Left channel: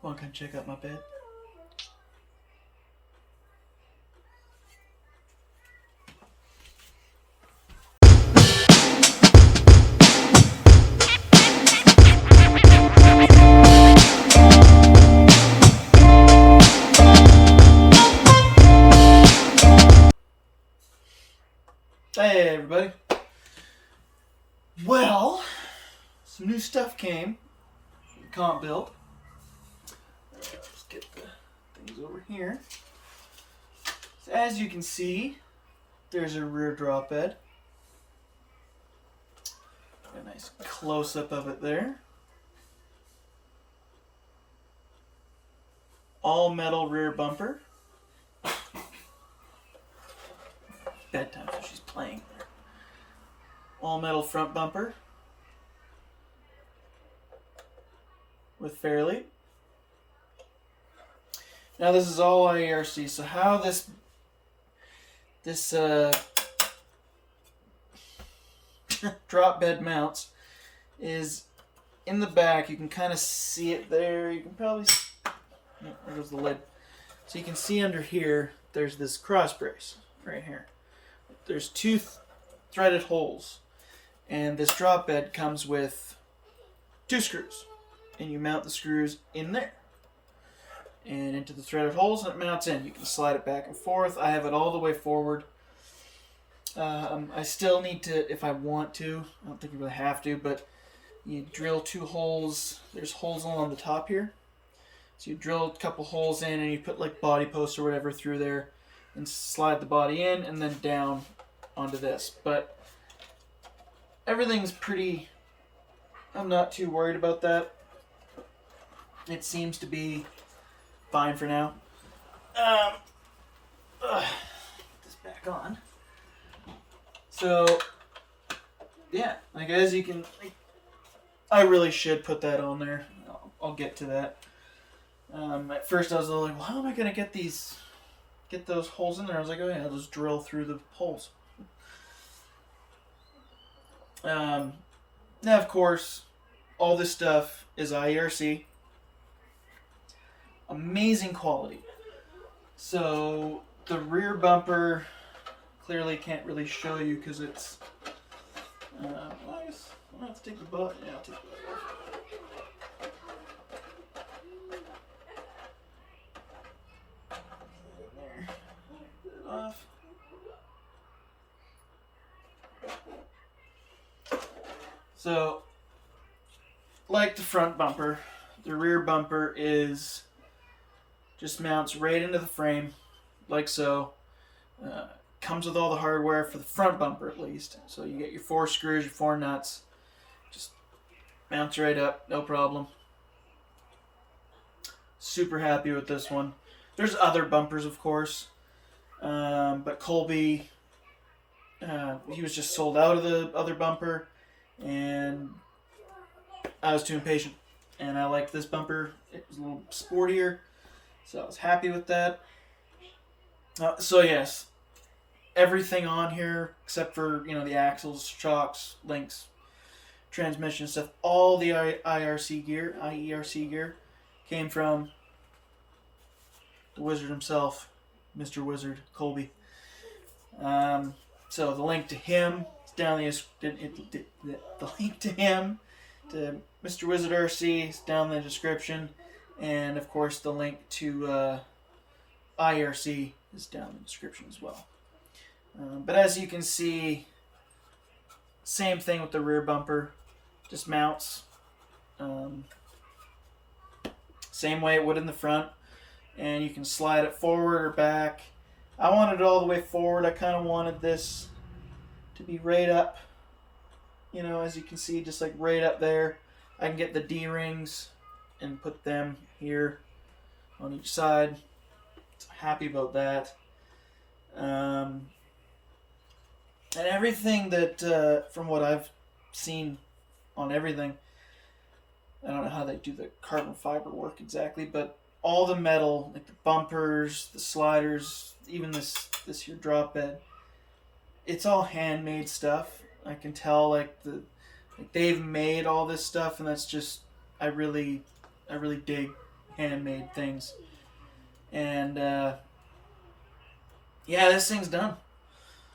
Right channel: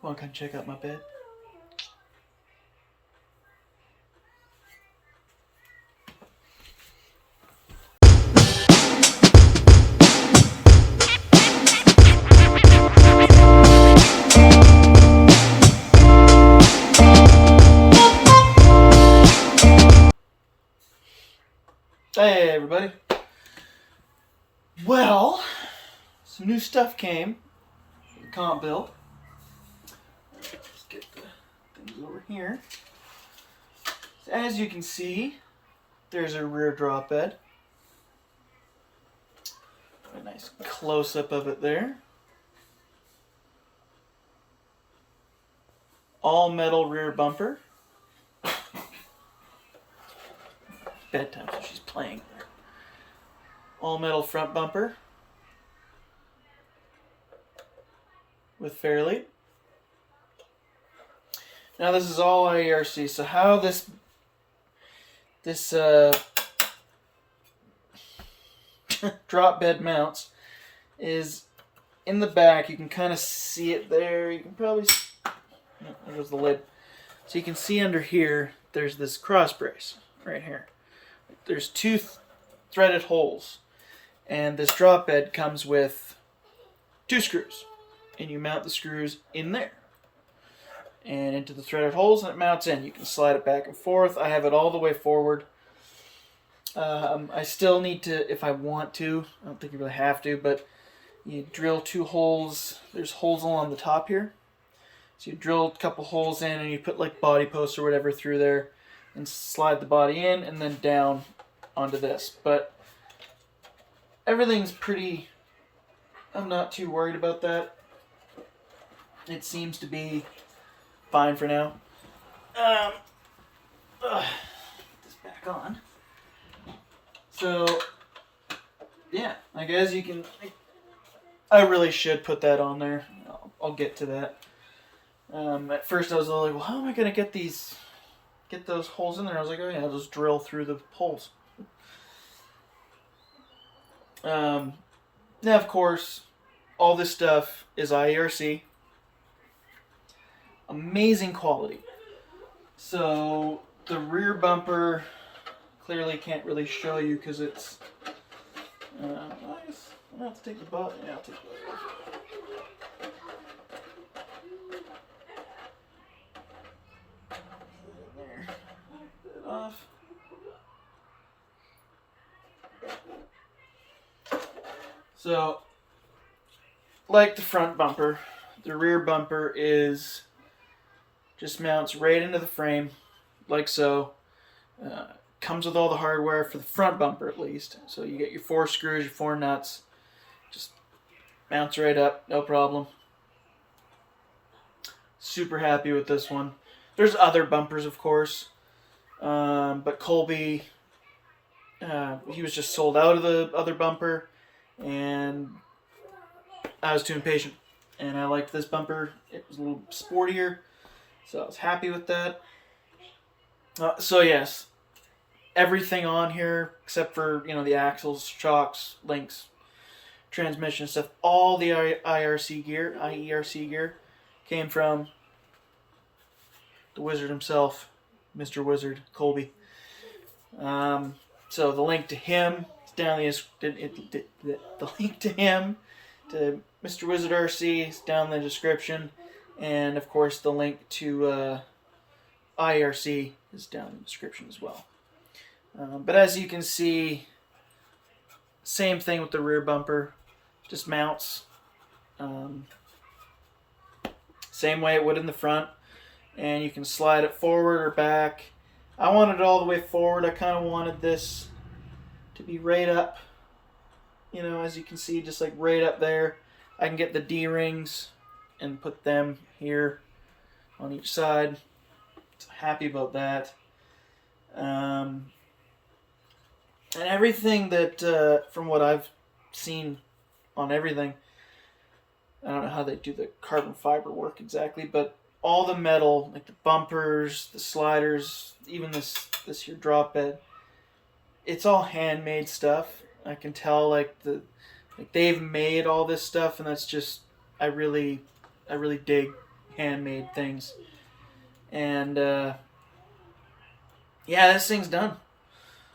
Want to come check out my bed? Hey everybody. Well, some new stuff came. Comp build. Let's get the things over here. So as you can see, there's a rear drop bed. A nice close-up of it there. All metal rear bumper. Bedtime, so she's playing. All metal front bumper with fairlead. Now this is all IERC. So how this drop bed mounts is in the back. You can kind of see it there. You can probably no, there goes the lid. So you can see under here. There's this cross brace right here. There's two threaded holes, and this drop bed comes with 2 screws, and you mount the screws in there and into the threaded holes, and it mounts in. You can slide it back and forth. I have it all the way forward. I still need to, if I want to, I don't think you really have to, but you drill 2 holes. There's holes along the top here. So you drill a couple holes in, and you put like body posts or whatever through there and slide the body in and then down onto this. But everything's pretty, I'm not too worried about that. It seems to be fine for now. Put this back on. So, yeah, like as you can, I really should put that on there. I'll get to that. At first I was like, well, how am I going to get those holes in there? I was like, oh yeah, I'll just drill through the holes. Now, of course, all this stuff is IERC. Amazing quality. So the rear bumper clearly can't really show you because it's. I guess I'll have to take the butt. Yeah, I'll take the butt off. There. Off. So, like the front bumper, the rear bumper just mounts right into the frame, like so. Comes with all the hardware for the front bumper at least. So you get your 4 screws, your 4 nuts. Just mounts right up, no problem. Super happy with this one. There's other bumpers, of course. But Colby, he was just sold out of the other bumper. And I was too impatient. And I liked this bumper. It was a little sportier. So I was happy with that. So yes, everything on here except for, you know, the axles, shocks, links, transmission stuff, all the IERC gear came from the wizard himself, Mr. Wizard Colby. So the link to him is down the link to him, to Mr. Wizard RC, is down in the description, and of course the link to IERC is down in the description as well. But as you can see, same thing with the rear bumper, just mounts same way it would in the front, and you can slide it forward or back. I wanted it all the way forward. I kind of wanted this to be right up, you know, as you can see, just like right up there. I can get the D-rings and put them here on each side. So happy about that. And everything that, from what I've seen on everything, I don't know how they do the carbon fiber work exactly, but all the metal, like the bumpers, the sliders, even this here drop bed, it's all handmade stuff. I can tell like they've made all this stuff, and that's just I really dig handmade things. And yeah, this thing's done.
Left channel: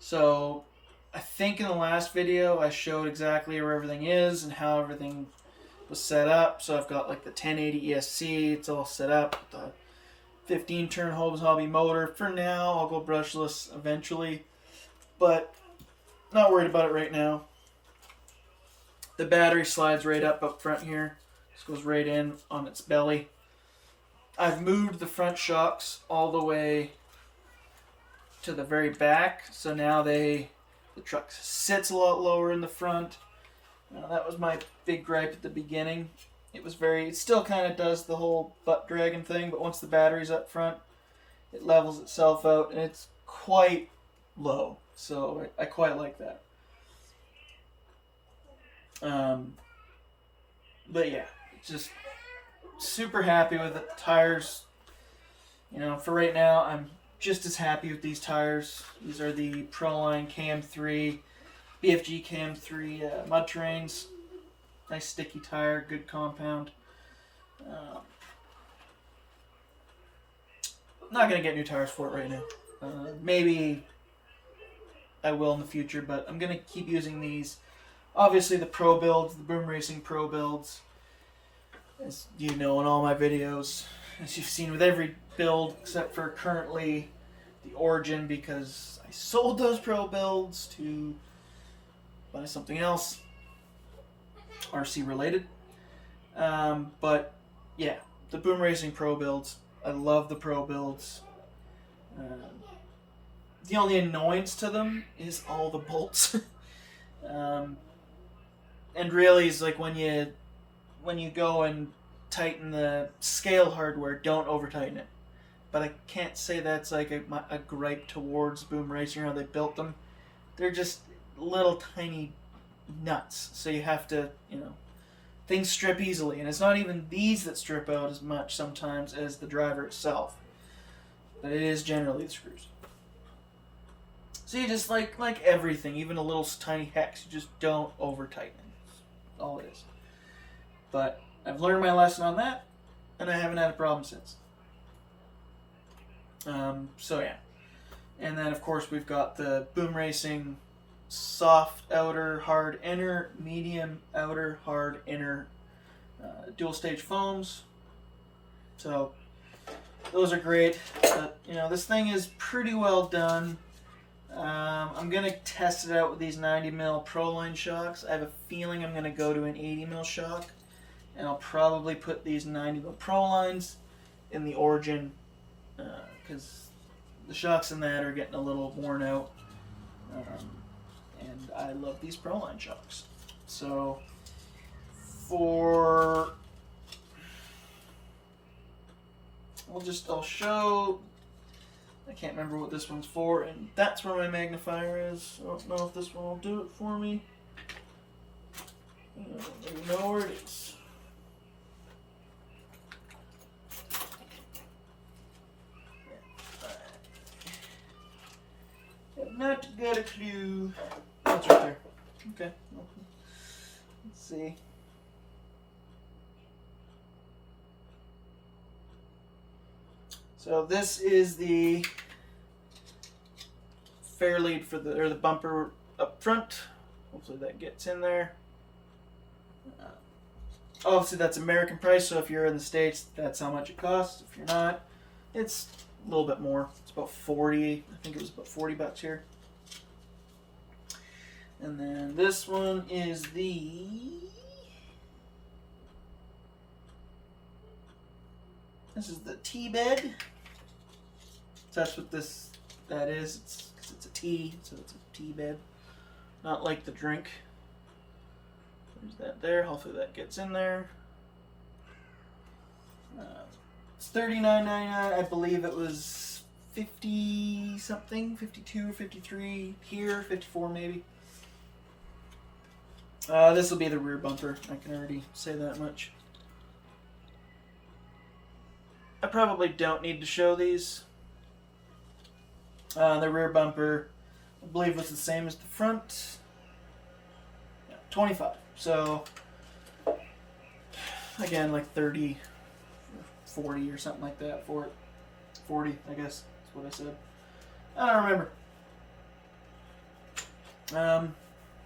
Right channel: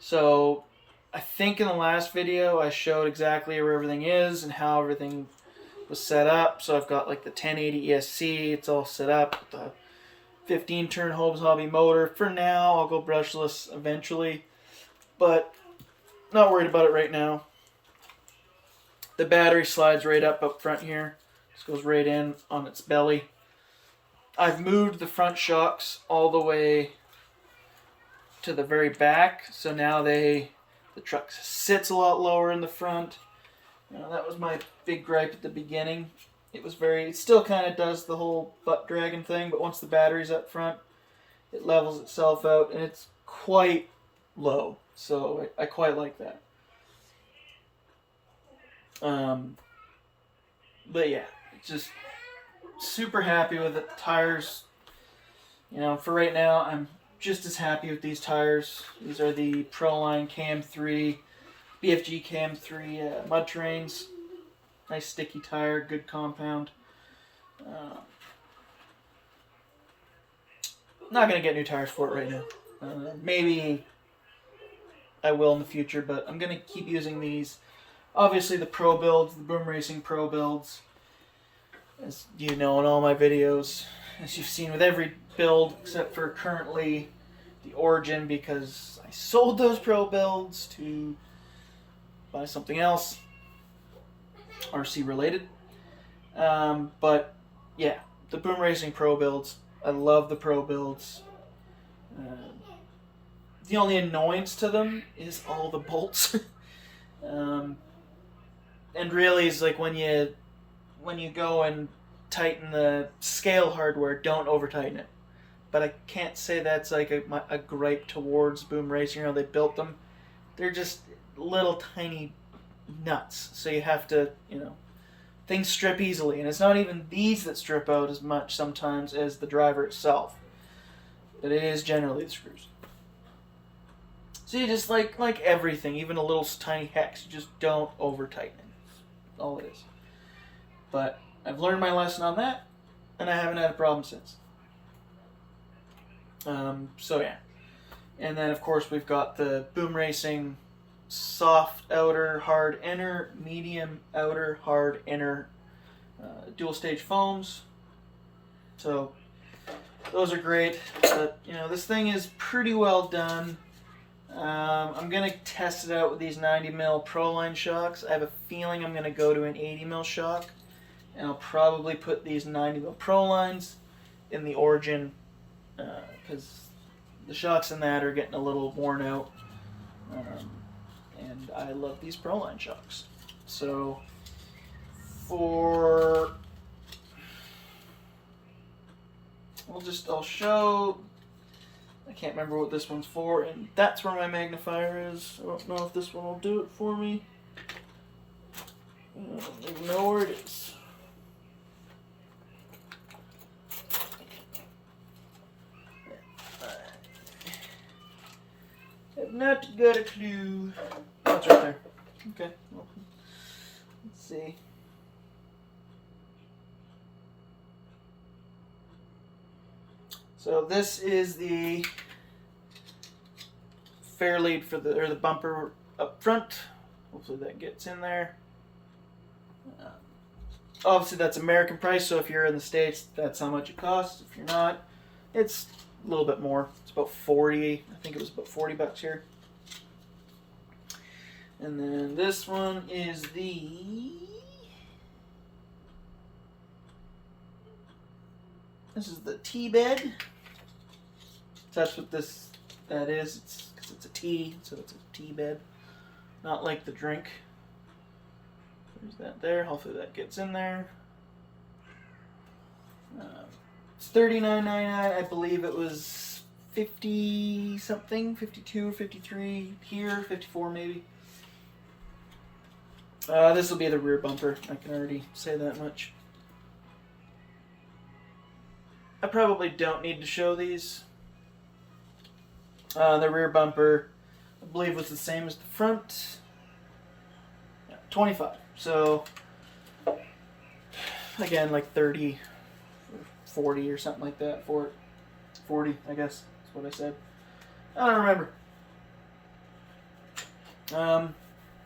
So I think in the last video I showed exactly where everything is and how everything was set up. So I've got like the 1080 ESC, it's all set up with the 15 turn Holmes Hobby motor. For now, I'll go brushless eventually, but not worried about it right now. The battery slides right up front here. Just goes right in on its belly. I've moved the front shocks all the way to the very back, so now the truck sits a lot lower in the front. That was my big gripe at the beginning. It still kind of does the whole butt dragging thing, but once the battery's up front, it levels itself out, and it's quite low. So I quite like that. But yeah, just super happy with it. The tires, for right now, I'm just as happy with these tires. These are the Proline KM3, BFG KM3 mud terrains. Nice sticky tire, good compound. Not going to get new tires for it right now. Maybe I will in the future, but I'm going to keep using these. Obviously the Pro builds, the BoomRacing Pro builds, as you know in all my videos, as you've seen with every build except for currently the Origin, because I sold those Pro builds to buy something else RC related. But yeah, the BoomRacing Pro builds, I love the Pro builds. The only annoyance to them is all the bolts. And really, it's like when you go and tighten the scale hardware, don't over tighten it. But I can't say that's like a gripe towards BoomRacing, how they built them. They're just little tiny nuts, so you have to, things strip easily, and it's not even these that strip out as much sometimes as the driver itself, but it is generally the screws. So you just like everything, even a little tiny hex, you just don't over tighten it. That's all it is. But I've learned my lesson on that, and I haven't had a problem since. So yeah, and then of course we've got the BoomRacing soft outer, hard inner, medium outer, hard inner, dual stage foams. So those are great, but this thing is pretty well done. I'm gonna test it out with these 90mm Proline shocks. I have a feeling I'm gonna go to an 80mm shock, and I'll probably put these 90mm Prolines in the Origin, because the shocks in that are getting a little worn out. And I love these Proline shocks. So I'll show, I can't remember what this one's for, and that's where my magnifier is. I don't know if this one will do it for me. I don't even know where it is. I've not got a clue. Oh, it's right there. Okay. Well, let's see. So this is the fair lead for the bumper up front. Hopefully that gets in there. Obviously that's American price, so if you're in the States, that's how much it costs. If you're not, it's a little bit more. It's about 40. I think it was about 40 bucks here. And then this one is the TBED. So that's what that is. It's because it's a tea, so it's a TBED. Not like the drink. There's that there. Hopefully that gets in there. It's $39.99. I believe it was 50 something, 52 or 53 here, 54 maybe. This will be the rear bumper. I can already say that much. I probably don't need to show these. The rear bumper, I believe, was the same as the front. Yeah, 25. So again, like 30, $40 or something like that for it. 40, I guess. That's what I said. I don't remember.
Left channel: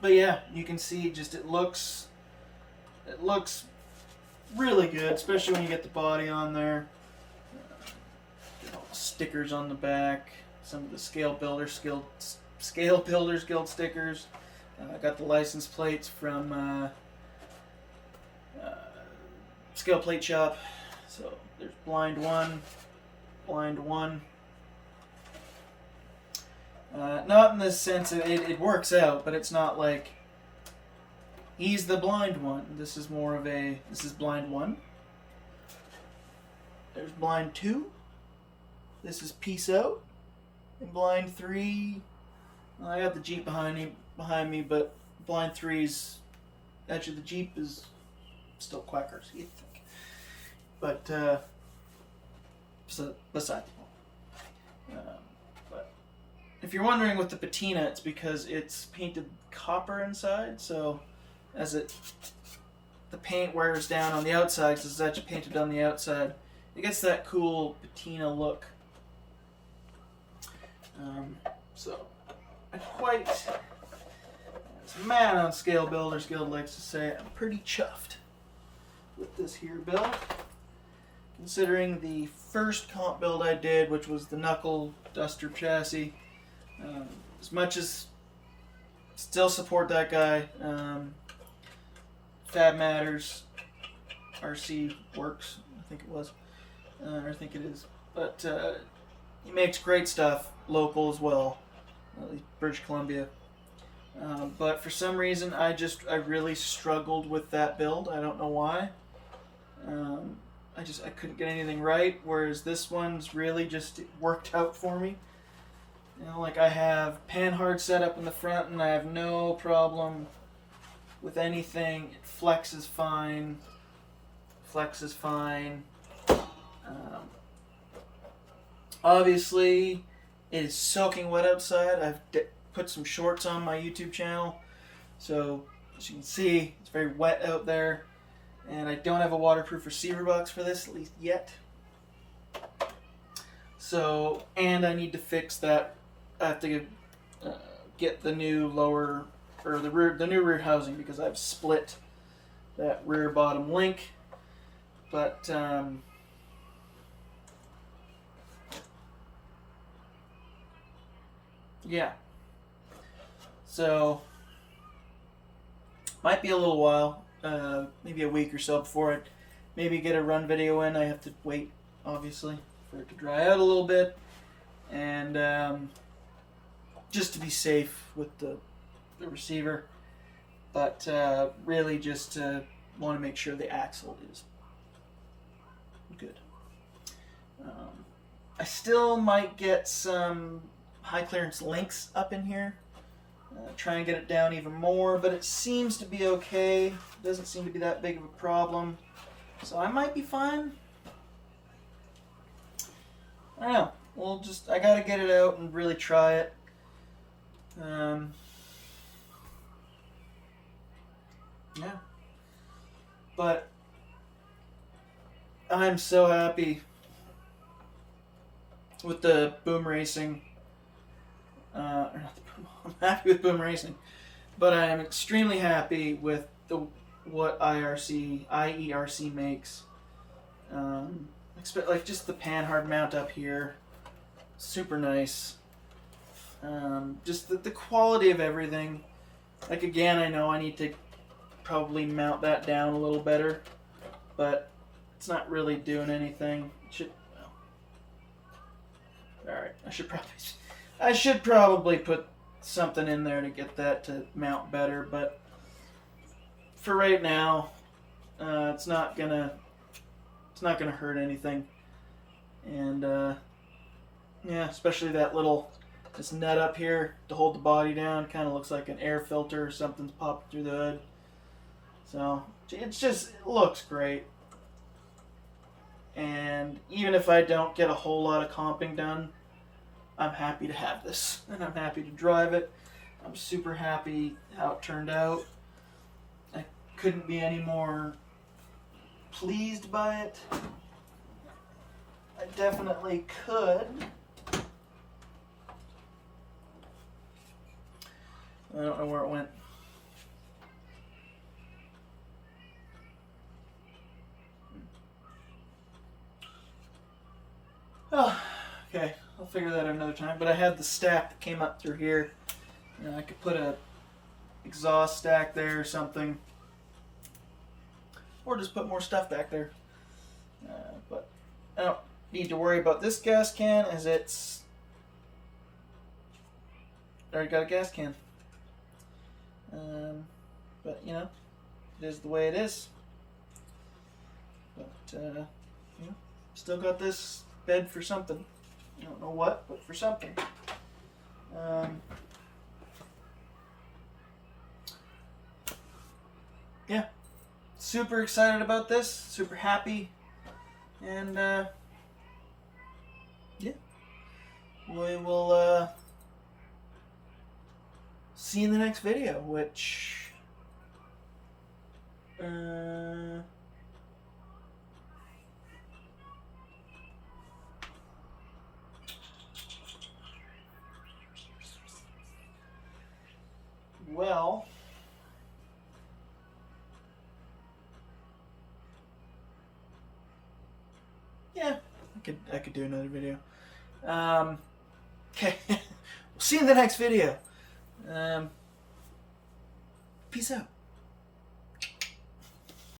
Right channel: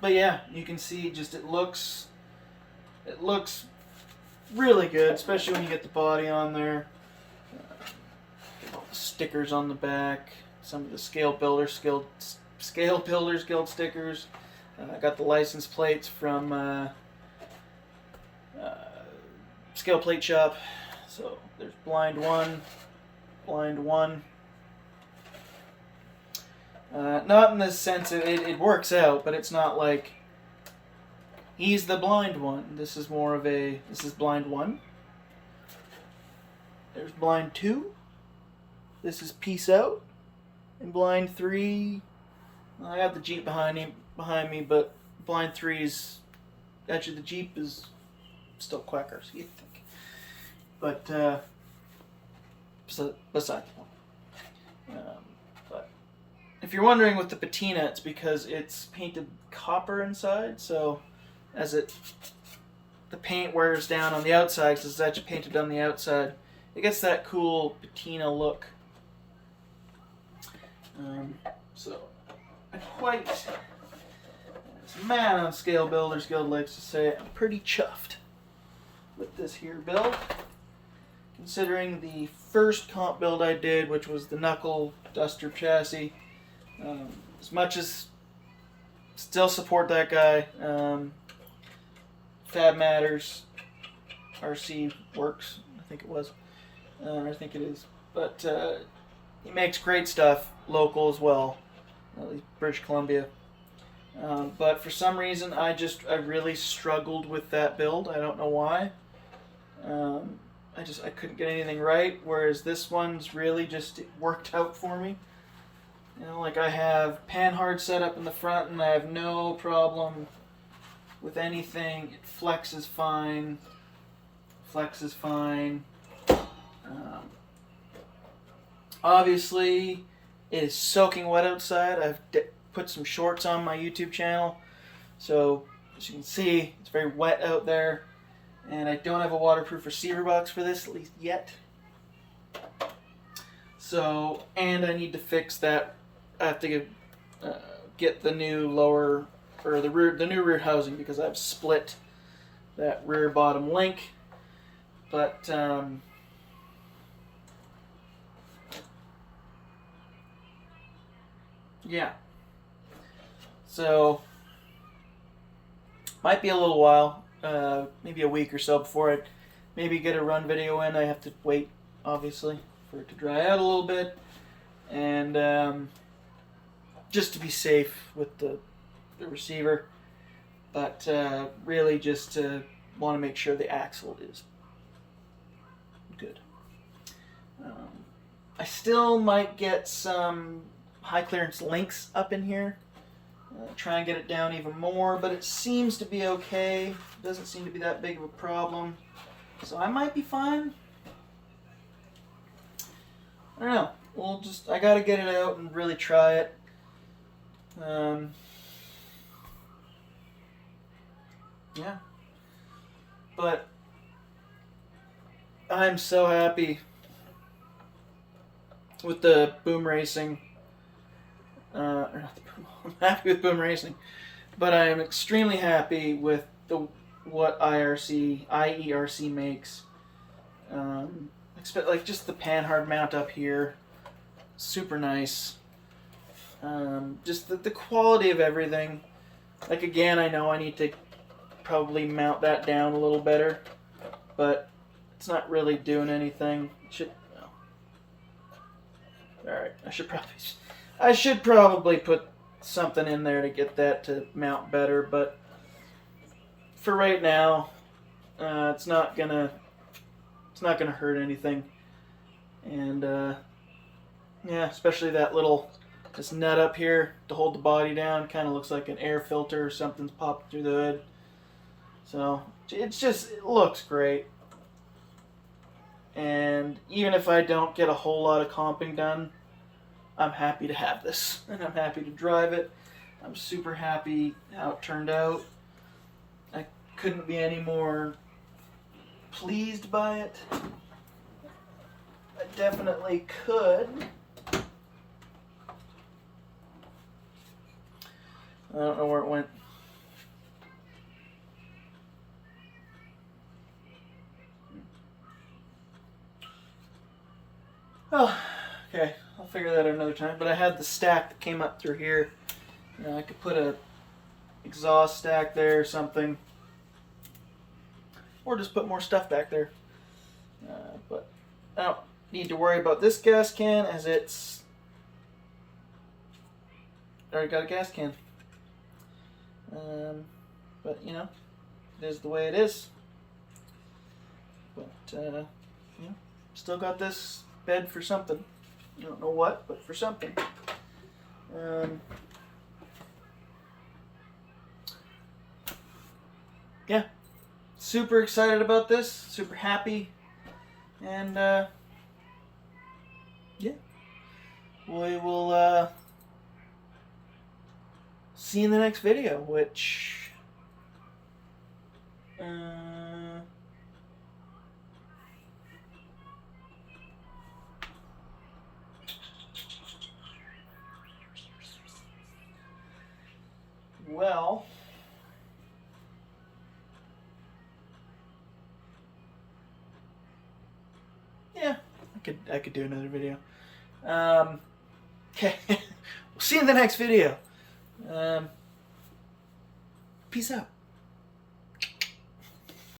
But yeah, you can see just it looks really good, especially when you get the body on there. All the stickers on the back, some of the Scale Builders Guild stickers. I got the license plates from Scale Plate Shop. So there's blind 1, blind 1. Not in the sense of it works out, but it's not like he's the blind one. This is more of a, this is blind 1. There's blind 2. This is Peace Out. And blind 3, I got the Jeep behind me, but blind 3's, actually the Jeep is still Quacker, so you think. But, besides. But if you're wondering with the patina, it's because it's painted copper inside, so as the paint wears down on the outside, because it's actually painted on the outside, it gets that cool patina look. So I quite, as a man on Scale Builders Guild likes to say, I'm pretty chuffed with this here build. Considering the first comp build I did, which was the Knuckle Duster chassis, as much as still support that guy, Fab Matters, RC Works, I think it was, I think it is, but he makes great stuff, local as well, at least British Columbia. But for some reason, I really struggled with that build. I don't know why. I couldn't get anything right. Whereas this one's really just worked out for me. You know, like I have Panhard set up in the front, and I have no problem with anything. It flexes fine. Flexes fine. Obviously, it is soaking wet outside. I've put some shorts on my YouTube channel, so as you can see, it's very wet out there, and I don't have a waterproof receiver box for this, at least yet. So, and I need to fix that. I have to get the new lower, or the new rear housing, because I've split that rear bottom link, but yeah. So, might be a little while, maybe a week or so before I maybe get a run video in. I have to wait, obviously, for it to dry out a little bit, and just to be safe with the receiver, but really just want to make sure the axle is good. I still might get some high clearance links up in here, try and get it down even more, but it seems to be okay. It doesn't seem to be that big of a problem, so I might be fine. I don't know. I gotta get it out and really try it. Yeah, but I'm so happy with the BoomRacing. I'm happy with BoomRacing, but I am extremely happy with what IERC makes. Expect like just the Panhard mount up here, super nice. Just the quality of everything. Like again, I know I need to probably mount that down a little better, but it's not really doing anything. Alright, I should probably put something in there to get that to mount better, but for right now, it's not gonna hurt anything. And yeah, especially this nut up here to hold the body down, kind of looks like an air filter or something's popping through the hood. So it looks great. And even if I don't get a whole lot of comping done, I'm happy to have this, and I'm happy to drive it. I'm super happy how it turned out. I couldn't be any more pleased by it. I definitely could. I don't know where it went. Oh, okay. I'll figure that out another time. But I had the stack that came up through here. You know, I could put a exhaust stack there or something. Or just put more stuff back there. But I don't need to worry about this gas can as it's already got a gas can. But you know, it is the way it is. But you know, still got this bed for something. I don't know what, but for something. Yeah, super excited about this. Super happy, and yeah, we will see you in the next video, which well, yeah, I could do another video. Okay, we'll see you in the next video. Peace out.